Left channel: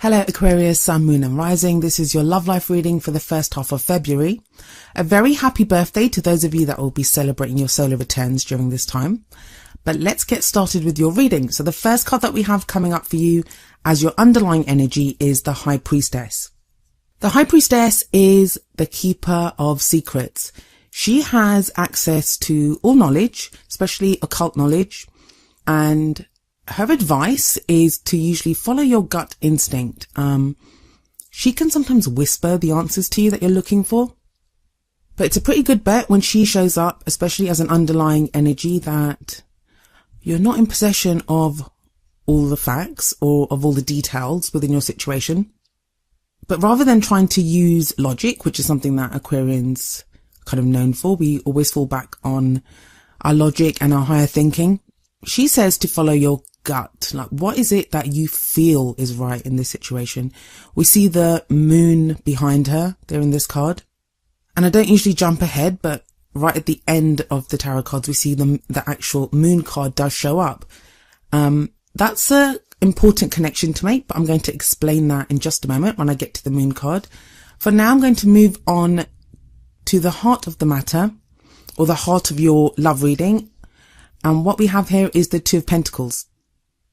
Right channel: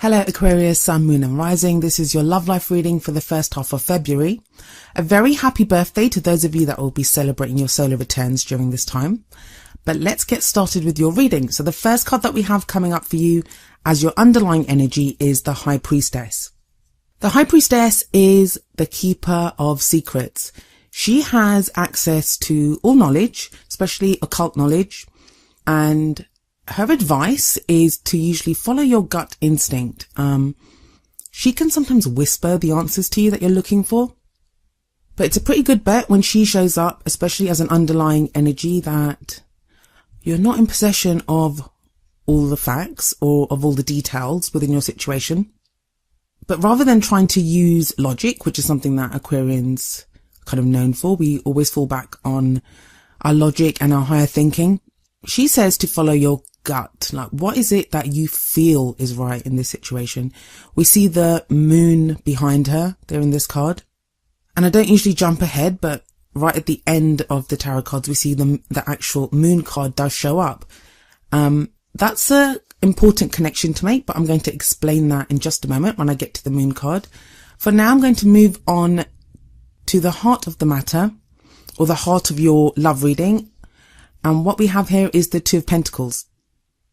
Hello Aquarius, Sun, Moon and Rising. This is your love life reading for the first half of February. A very happy birthday to those of you that will be celebrating your solar returns during this time. But let's get started with your reading. So the first card that we have coming up for you as your underlying energy is the High Priestess. The High Priestess is the keeper of secrets. She has access to all knowledge, especially occult knowledge, and her advice is to usually follow your gut instinct. She can sometimes whisper the answers to you that you're looking for, but it's a pretty good bet when she shows up, especially as an underlying energy, that you're not in possession of all the facts or of all the details within your situation. But rather than trying to use logic, which is something that Aquarians are kind of known for, we always fall back on our logic and our higher thinking. She says to follow your gut. Like, what is it that you feel is right in this situation? We see the moon behind her there in this card. And I don't usually jump ahead, but right at the end of the tarot cards, we see the actual moon card does show up. That's an important connection to make, but I'm going to explain that in just a moment when I get to the moon card. For now, I'm going to move on to the heart of the matter, or the heart of your love reading. And what we have here is the Two of Pentacles.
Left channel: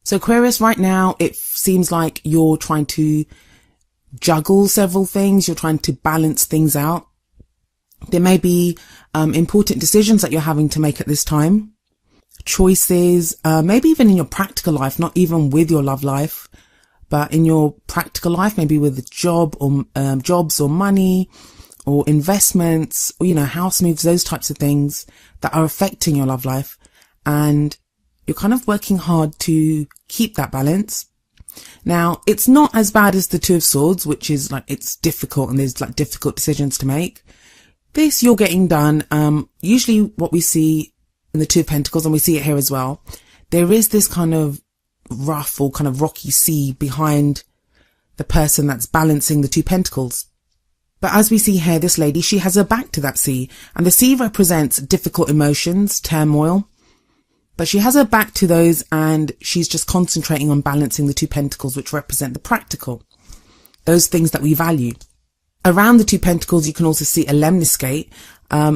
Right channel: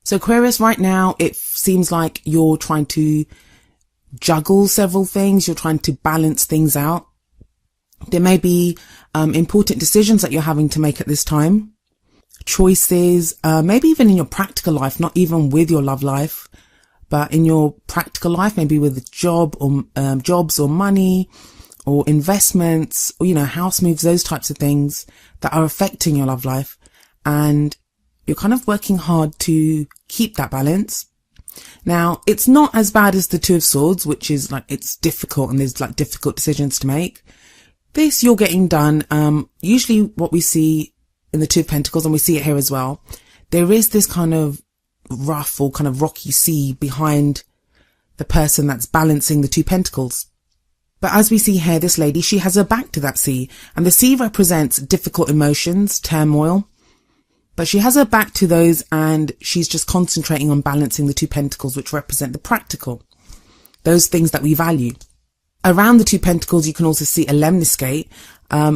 So Aquarius, right now, it seems like you're trying to juggle several things. You're trying to balance things out. There may be important decisions that you're having to make at this time. Choices, maybe even in your practical life, not even with your love life, but in your practical life, maybe with a job or jobs or money or investments, or, house moves, those types of things that are affecting your love life. And you're kind of working hard to keep that balance. Now, it's not as bad as the Two of Swords, which is like, it's difficult and there's like difficult decisions to make. This you're getting done. Usually what we see in the Two of Pentacles, and we see it here as well, there is this kind of rough or kind of rocky sea behind the person that's balancing the Two Pentacles. But as we see here, this lady, she has her back to that sea, and the sea represents difficult emotions, turmoil. But she has her back to those, and she's just concentrating on balancing the Two Pentacles, which represent the practical, those things that we value. Around the Two Pentacles, you can also see a lemniscate.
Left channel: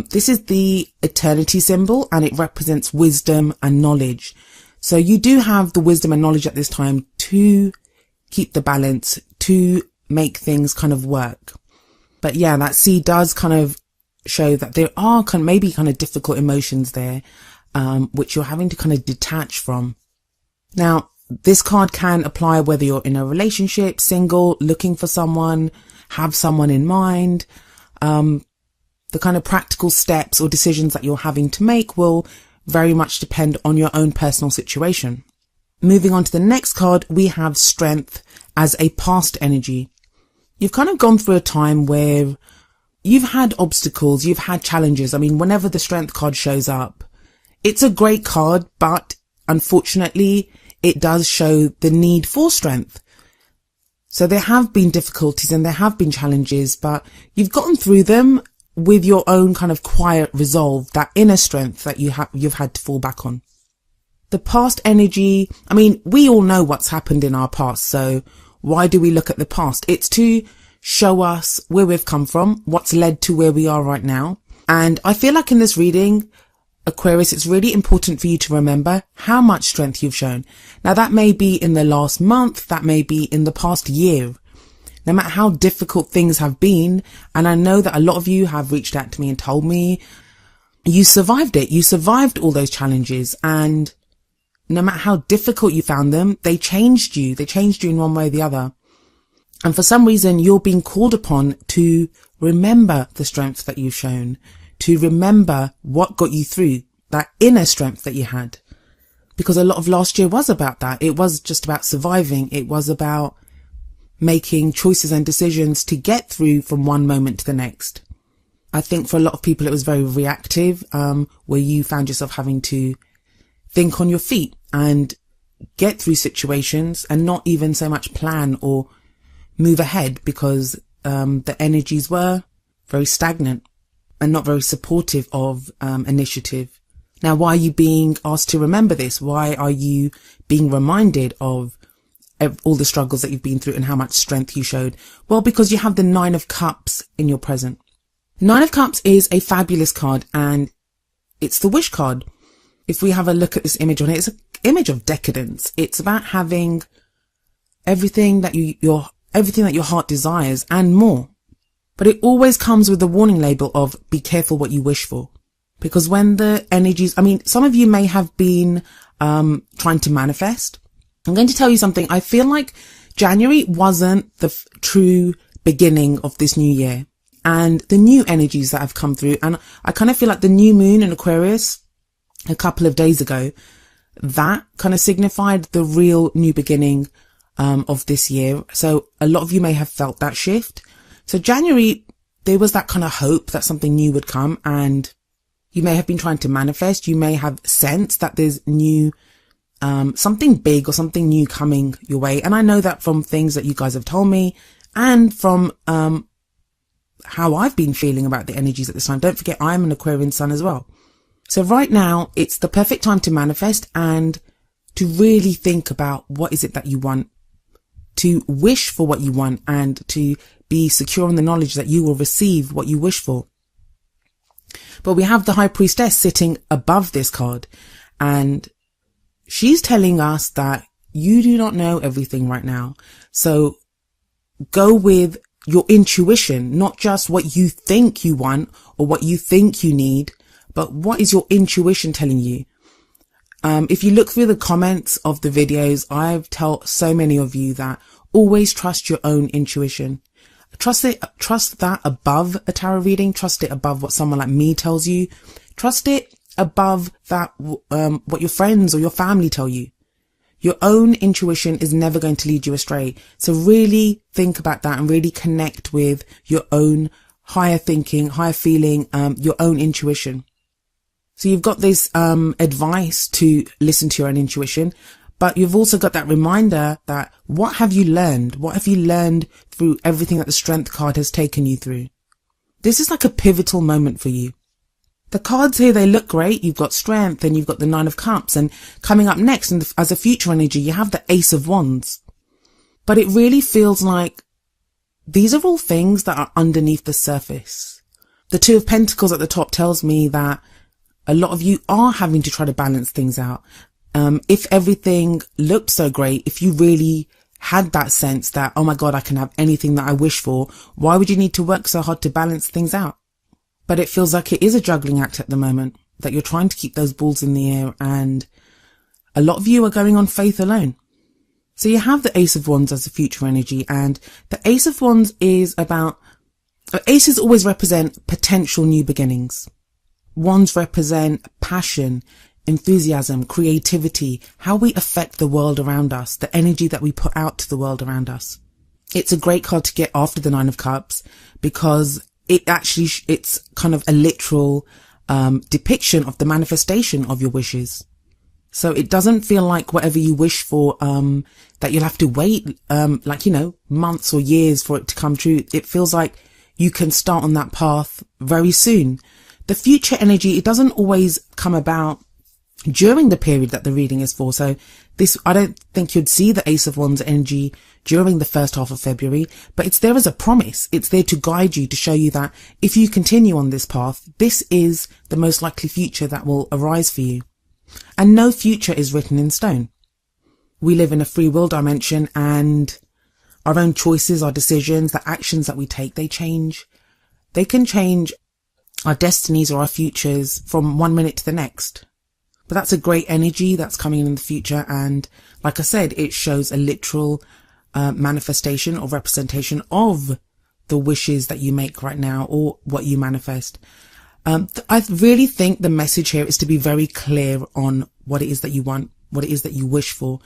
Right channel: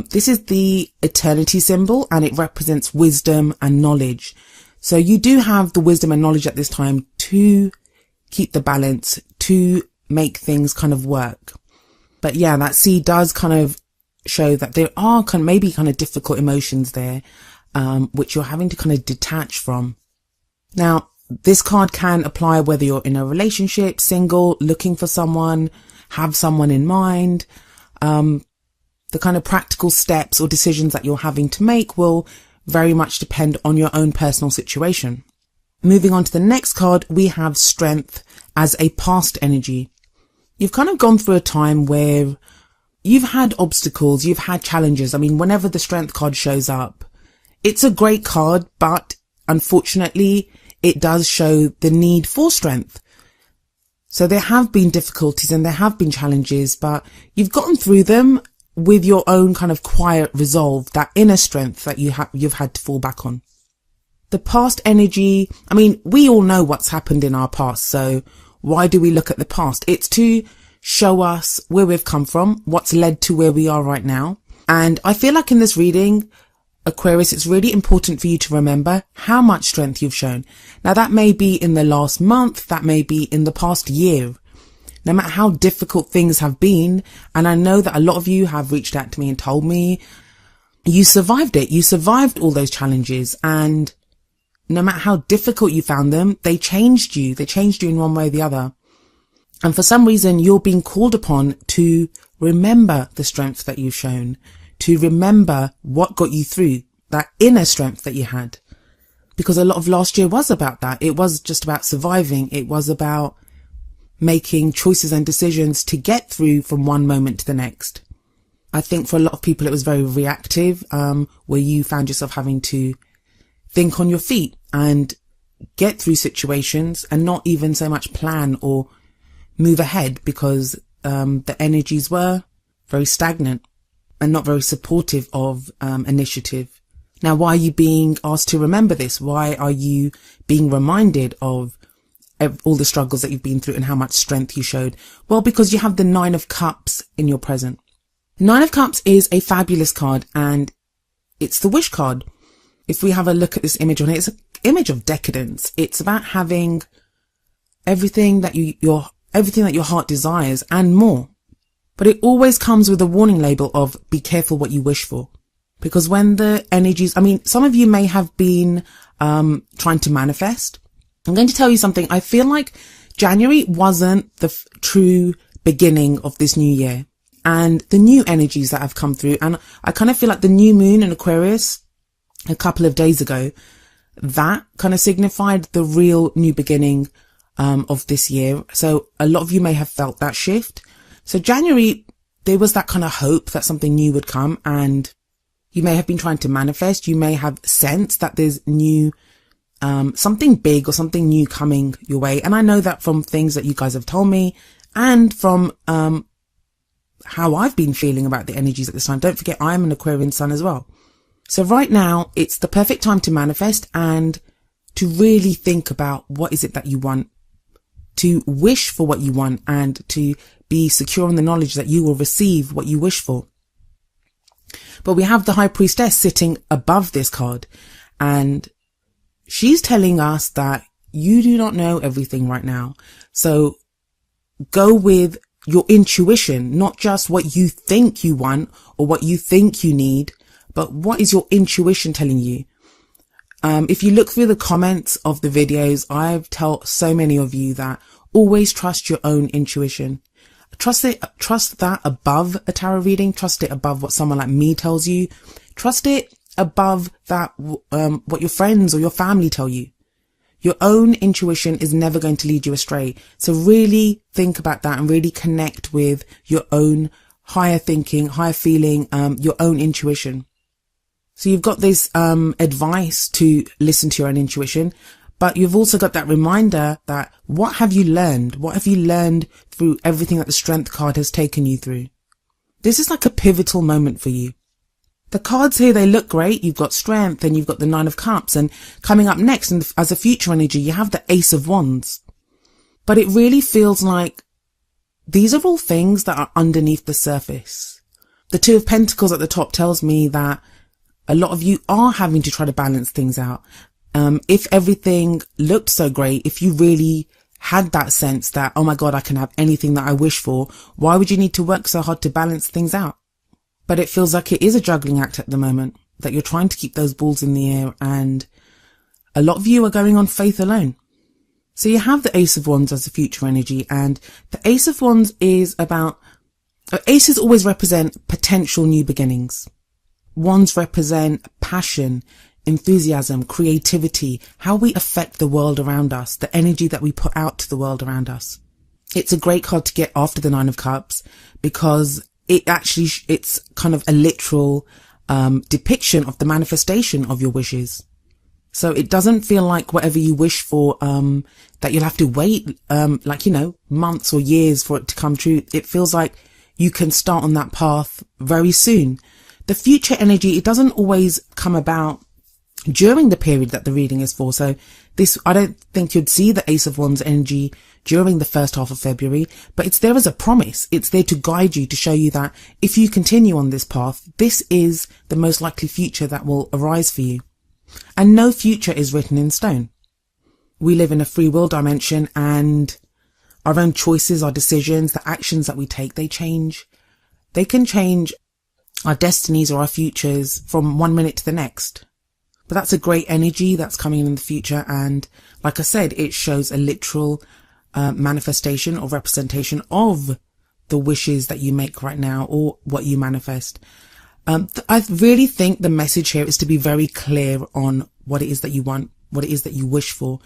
This is the eternity symbol, and it represents wisdom and knowledge. So you do have the wisdom and knowledge at this time to keep the balance, to make things kind of work. But yeah, that sea does kind of show that there are maybe difficult emotions there, which you're having to kind of detach from. Now, this card can apply whether you're in a relationship, single, looking for someone, have someone in mind. The kind of practical steps or decisions that you're having to make will very much depend on your own personal situation. Moving on to the next card, we have Strength as a past energy. You've kind of gone through a time where you've had obstacles, you've had challenges. I mean, whenever the Strength card shows up, it's a great card, but unfortunately, it does show the need for strength. So there have been difficulties and there have been challenges, but you've gotten through them with your own kind of quiet resolve, that inner strength that you've had to fall back on. The past energy, I mean, we all know what's happened in our past, so why do we look at the past? It's to show us where we've come from, what's led to where we are right now. And I feel like in this reading, Aquarius, it's really important for you to remember how much strength you've shown. Now, that may be in the last month, that may be in the past year. No matter how difficult things have been, and I know that a lot of you have reached out to me and told me you survived it. You survived all those challenges, and no matter how difficult you found them, they changed you. They changed you in one way or the other. And for some reason, you're being called upon to remember the strength that you've shown, to remember what got you through, that inner strength that you had. Because a lot of last year was about that. It was just about surviving. It was about making choices and decisions to get through from one moment to the next. I think for a lot of people, it was very reactive, where you found yourself having to think on your feet and get through situations and not even so much plan or move ahead because the energies were very stagnant and not very supportive of initiative. Now, why are you being asked to remember this? Why are you being reminded of all the struggles that you've been through and how much strength you showed? Well, because you have the Nine of Cups in your present. Nine of Cups is a fabulous card, and it's the wish card. If we have a look at this image on it, it's an image of decadence. It's about having everything that everything that your heart desires and more. But it always comes with a warning label of be careful what you wish for. Because when the energies, some of you may have been trying to manifest. I'm going to tell you something. I feel like January wasn't the true beginning of this new year. And the new energies that have come through, and I kind of feel like the new moon in Aquarius a couple of days ago, that kind of signified the real new beginning of this year. So a lot of you may have felt that shift. So January, there was that kind of hope that something new would come, and you may have been trying to manifest. You may have sensed that there's new, something big or something new coming your way. And I know that from things that you guys have told me and from how I've been feeling about the energies at this time. Don't forget, I'm an Aquarian sun as well. So right now, it's the perfect time to manifest and to really think about what is it that you want, to wish for what you want, and to be secure in the knowledge that you will receive what you wish for. But we have the High Priestess sitting above this card, and she's telling us that you do not know everything right now. So go with your intuition, not just what you think you want or what you think you need, but what is your intuition telling you? If you look through the comments of the videos, I've told so many of you that always trust your own intuition. Trust that above a tarot reading. Trust it above what someone like me tells you. Trust it above that, what your friends or your family tell you. Your own intuition is never going to lead you astray. So really think about that and really connect with your own higher thinking, higher feeling, your own intuition. So you've got this advice to listen to your own intuition, but you've also got that reminder that what have you learned? What have you learned through everything that the Strength card has taken you through? This is like a pivotal moment for you. The cards here, they look great. You've got Strength and you've got the Nine of Cups, and coming up next as a future energy, you have the Ace of Wands. But it really feels like these are all things that are underneath the surface. The Two of Pentacles at the top tells me that a lot of you are having to try to balance things out. If everything looked so great, if you really had that sense that, oh my God, I can have anything that I wish for, why would you need to work so hard to balance things out? But it feels like it is a juggling act at the moment, that you're trying to keep those balls in the air, and a lot of you are going on faith alone. So you have the Ace of Wands as a future energy, and the Ace of Wands is about, aces always represent potential new beginnings. Wands represent passion, enthusiasm, creativity, how we affect the world around us, the energy that we put out to the world around us. It's a great card to get after the Nine of Cups because it's kind of a literal depiction of the manifestation of your wishes. So it doesn't feel like whatever you wish for, that you'll have to wait, months or years for it to come true. It feels like you can start on that path very soon. The future energy, it doesn't always come about during the period that the reading is for. So I don't think you'd see the Ace of Wands energy during the first half of February, but it's there as a promise. It's there to guide you, to show you that if you continue on this path, this is the most likely future that will arise for you. And no future is written in stone. We live in a free will dimension, and our own choices, our decisions, the actions that we take, they change. They can change our destinies or our futures from one minute to the next. But that's a great energy that's coming in the future. And like I said, it shows a literal manifestation or representation of the wishes that you make right now or what you manifest. I really think the message here is to be very clear on what it is that you want, what it is that you wish for.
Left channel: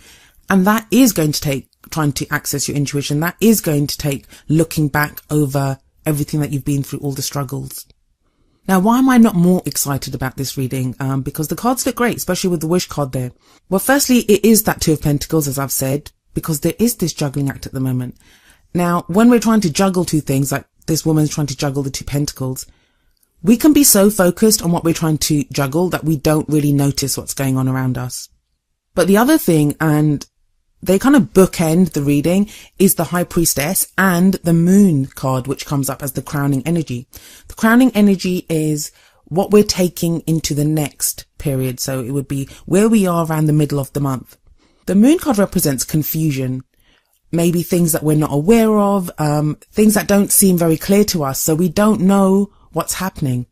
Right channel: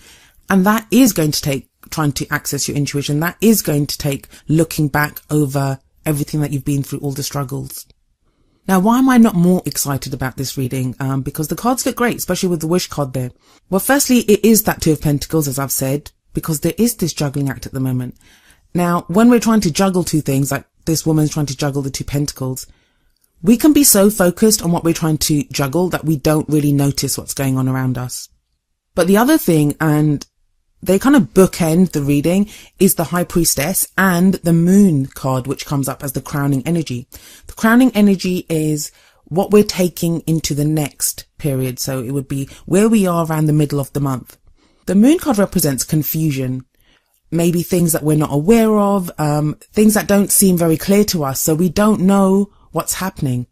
And that is going to take trying to access your intuition. That is going to take looking back over everything that you've been through, all the struggles. Now, why am I not more excited about this reading? Because the cards look great, especially with the wish card there. Well, firstly, it is that Two of Pentacles, as I've said, because there is this juggling act at the moment. Now, when we're trying to juggle two things, like this woman's trying to juggle the Two Pentacles, we can be so focused on what we're trying to juggle that we don't really notice what's going on around us. But the other thing, and they kind of bookend the reading, is the High Priestess and the Moon card, which comes up as the crowning energy. The crowning energy is what we're taking into the next period. So it would be where we are around the middle of the month. The Moon card represents confusion, maybe things that we're not aware of, things that don't seem very clear to us. So we don't know what's happening.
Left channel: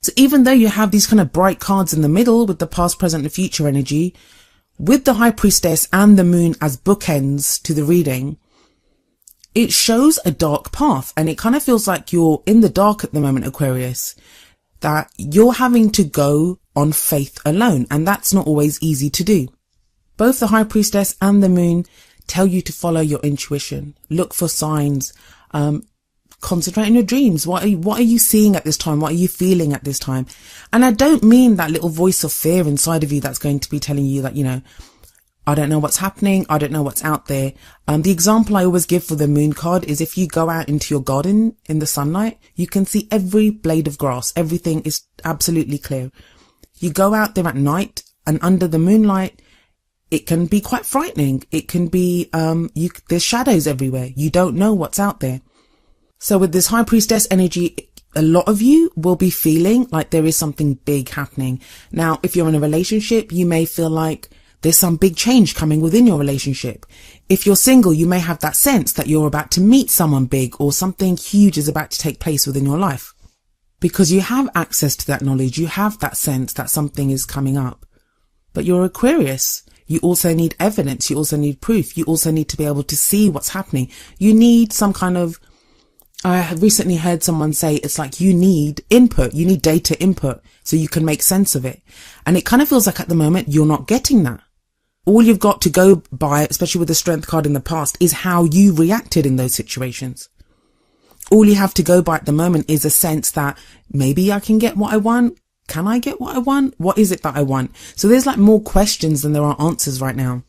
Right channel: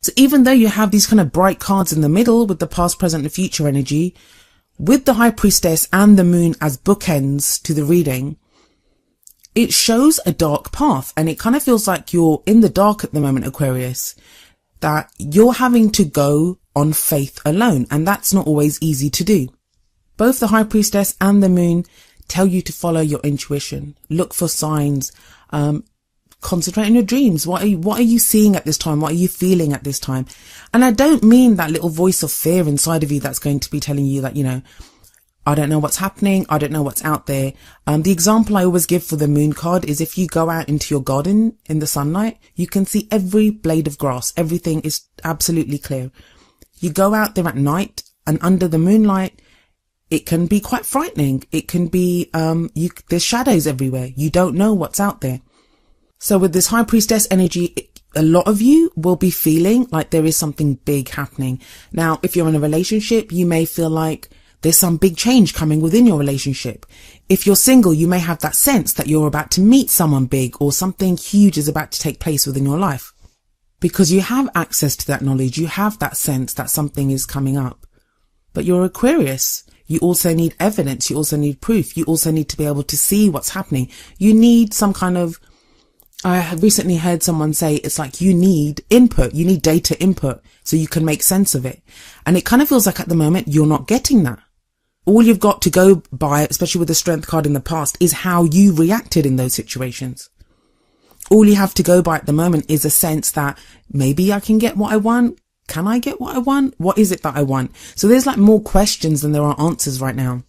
So even though you have these kind of bright cards in the middle with the past, present and future energy, with the High Priestess and the Moon as bookends to the reading, it shows a dark path, and it kind of feels like you're in the dark at the moment, Aquarius, that you're having to go on faith alone, and that's not always easy to do. Both the High Priestess and the Moon tell you to follow your intuition, look for signs, concentrate on your dreams. What are you seeing at this time? What are you feeling at this time? And I don't mean that little voice of fear inside of you that's going to be telling you that, I don't know what's happening. I don't know what's out there. The example I always give for the Moon card is if you go out into your garden in the sunlight, you can see every blade of grass. Everything is absolutely clear. You go out there at night and under the moonlight, it can be quite frightening. It can be, there's shadows everywhere. You don't know what's out there. So with this High Priestess energy, a lot of you will be feeling like there is something big happening. Now, if you're in a relationship, you may feel like there's some big change coming within your relationship. If you're single, you may have that sense that you're about to meet someone big or something huge is about to take place within your life. Because you have access to that knowledge, you have that sense that something is coming up. But you're Aquarius. You also need evidence. You also need proof. You also need to be able to see what's happening. You need some kind of, I have recently heard someone say it's like you need input. You need data input so you can make sense of it. And it kind of feels like at the moment you're not getting that. All you've got to go by, especially with the Strength card in the past, is how you reacted in those situations. All you have to go by at the moment is a sense that maybe I can get what I want. Can I get what I want? What is it that I want? So there's like more questions than there are answers right now.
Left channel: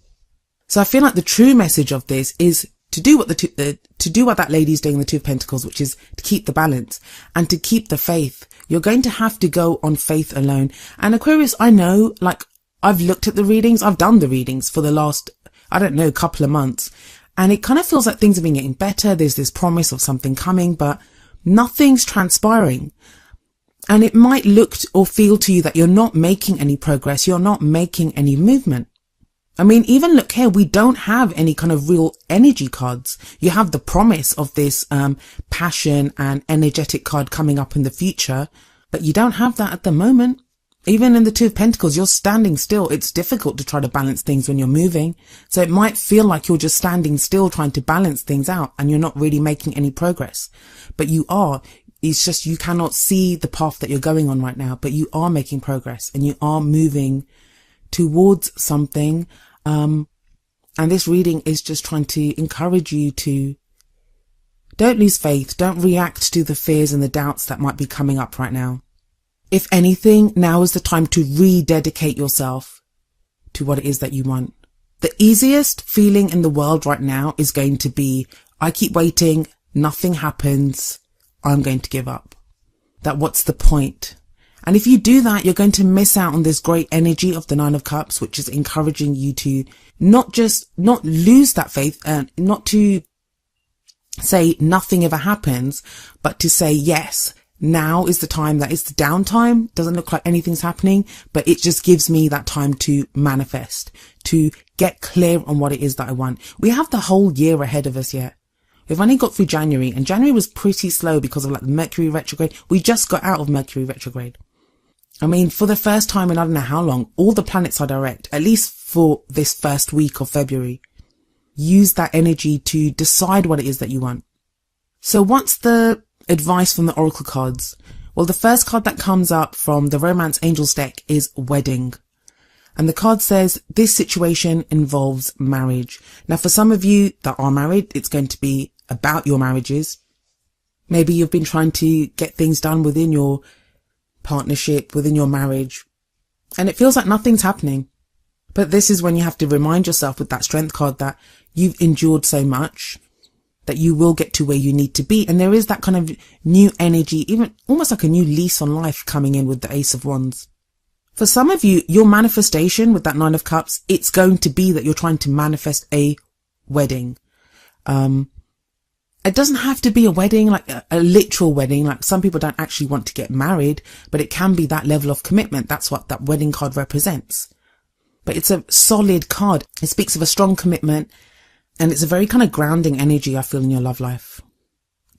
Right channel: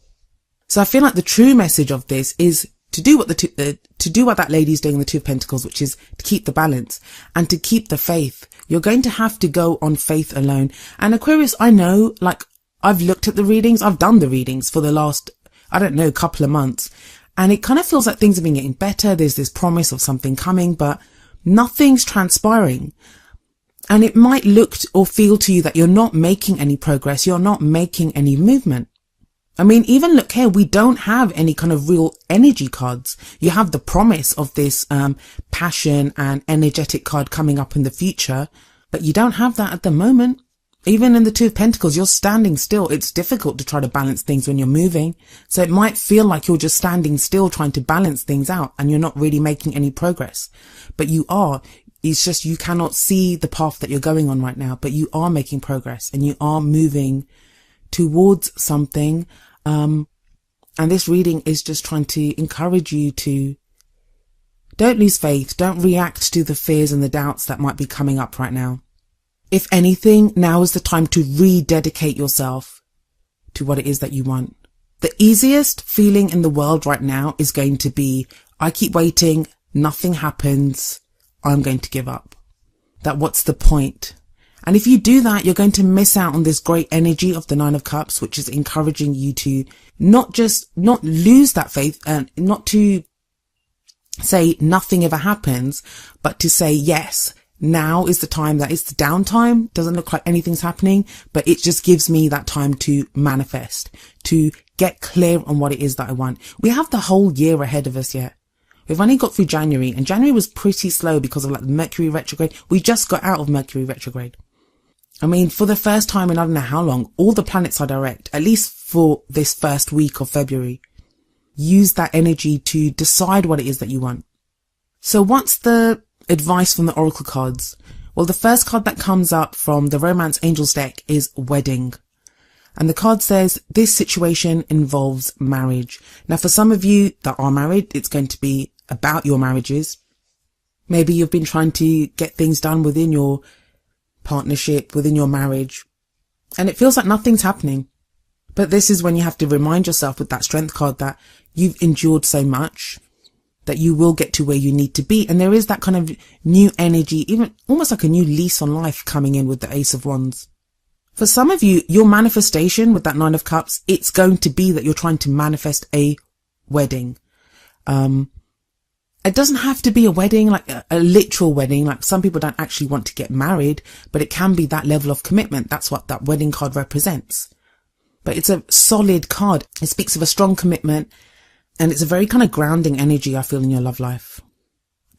So I feel like the true message of this is to do what that lady's doing, the Two of Pentacles, which is to keep the balance and to keep the faith. You're going to have to go on faith alone. And Aquarius, I know, like, I've looked at the readings. I've done the readings for the last, couple of months. And it kind of feels like things have been getting better. There's this promise of something coming, but nothing's transpiring. And it might look or feel to you that you're not making any progress. You're not making any movement. I mean, even look here, we don't have any kind of real energy cards. You have the promise of this passion and energetic card coming up in the future, but you don't have that at the moment. Even in the Two of Pentacles, you're standing still. It's difficult to try to balance things when you're moving. So it might feel like you're just standing still trying to balance things out and you're not really making any progress. But you are. It's just you cannot see the path that you're going on right now, but you are making progress and you are moving towards something. And this reading is just trying to encourage you to don't lose faith. Don't react to the fears and the doubts that might be coming up right now. If anything, now is the time to rededicate yourself to what it is that you want. The easiest feeling in the world right now is going to be, I keep waiting, nothing happens, I'm going to give up. That what's the point? And if you do that, you're going to miss out on this great energy of the Nine of Cups, which is encouraging you to not lose that faith and not to say nothing ever happens, but to say, yes, now is the time. That is the downtime. Doesn't look like anything's happening, but it just gives me that time to manifest, to get clear on what it is that I want. We have the whole year ahead of us yet. We've only got through January, and January was pretty slow because of like Mercury retrograde. We just got out of Mercury retrograde. I mean, for the first time in I don't know how long, all the planets are direct, at least for this first week of February. Use that energy to decide what it is that you want. So what's the advice from the Oracle cards? Well, the first card that comes up from the Romance Angels deck is Wedding. And the card says, this situation involves marriage. Now, for some of you that are married, it's going to be about your marriages. Maybe you've been trying to get things done within your partnership, within your marriage, and it feels like nothing's happening. But this is when you have to remind yourself with that Strength card that you've endured so much that you will get to where you need to be. And there is that kind of new energy, even almost like a new lease on life coming in with the Ace of Wands. For some of you, your manifestation with that Nine of Cups, it's going to be that you're trying to manifest a wedding. It doesn't have to be a wedding, like a literal wedding. Like some people don't actually want to get married, but it can be that level of commitment. That's what that wedding card represents. But it's a solid card. It speaks of a strong commitment, and it's a very kind of grounding energy I feel in your love life.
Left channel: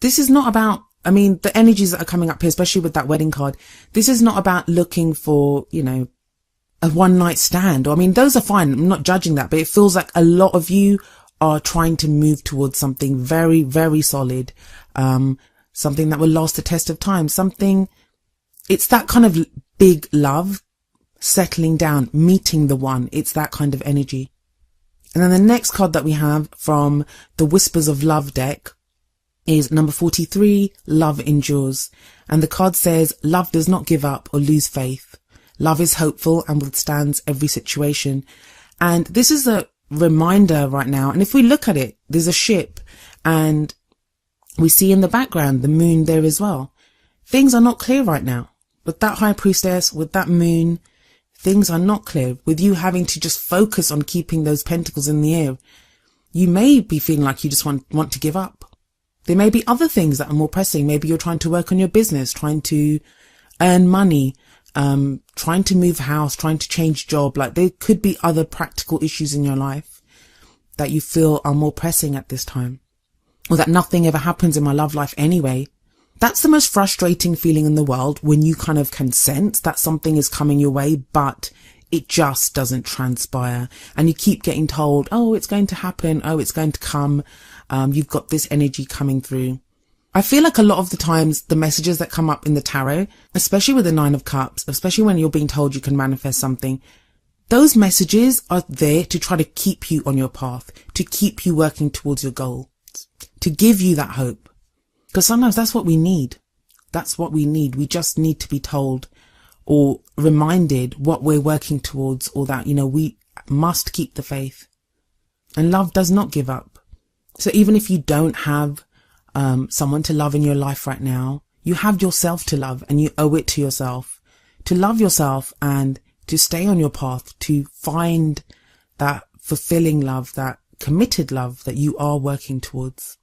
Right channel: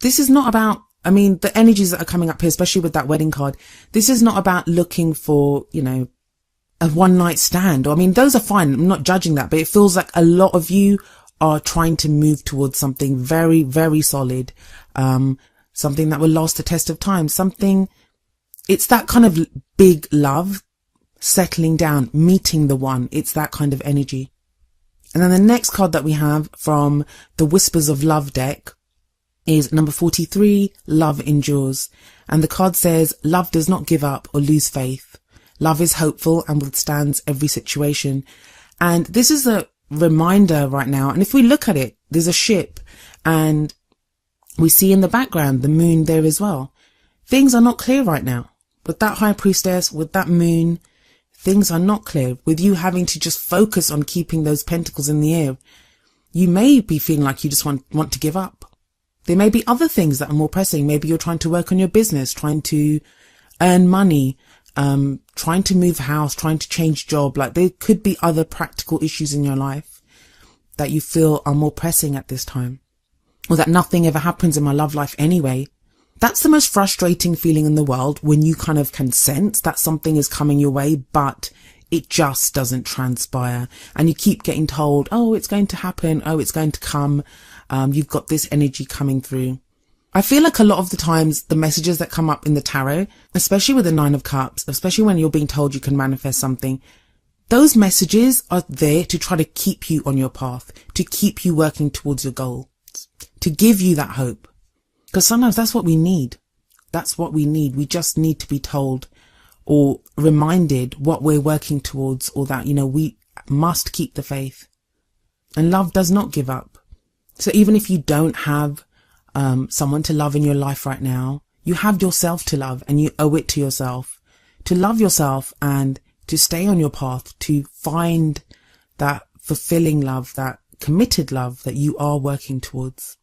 This is not about, I mean, the energies that are coming up here, especially with that wedding card, this is not about looking for, you know, a one night stand. I mean, those are fine. I'm not judging that, but it feels like a lot of you are trying to move towards something very, very solid. Something that will last the test of time. It's that kind of big love, settling down, meeting the one. It's that kind of energy. And then the next card that we have from the Whispers of Love deck is number 43, Love Endures. And the card says, love does not give up or lose faith. Love is hopeful and withstands every situation. And this is a reminder right now. And if we look at it, there's a ship and we see in the background the moon there as well. Things are not clear right now. With that High Priestess, with that moon, things are not clear. With you having to just focus on keeping those pentacles in the air, you may be feeling like you just want to give up. There may be other things that are more pressing. Maybe you're trying to work on your business, trying to earn money, trying to move house, trying to change job. Like there could be other practical issues in your life that you feel are more pressing at this time, or that nothing ever happens in my love life anyway. That's the most frustrating feeling in the world, when you kind of can sense that something is coming your way, but it just doesn't transpire. And you keep getting told, oh, it's going to happen. Oh, it's going to come. You've got this energy coming through. I feel like a lot of the times the messages that come up in the tarot, especially with the Nine of Cups, especially when you're being told you can manifest something, those messages are there to try to keep you on your path, to keep you working towards your goal, to give you that hope. Because sometimes that's what we need. That's what we need. We just need to be told or reminded what we're working towards, or that, you know, we must keep the faith. And love does not give up. So even if you don't have someone to love in your life right now, you have yourself to love, and you owe it to yourself to love yourself and to stay on your path, to find that fulfilling love, that committed love that you are working towards.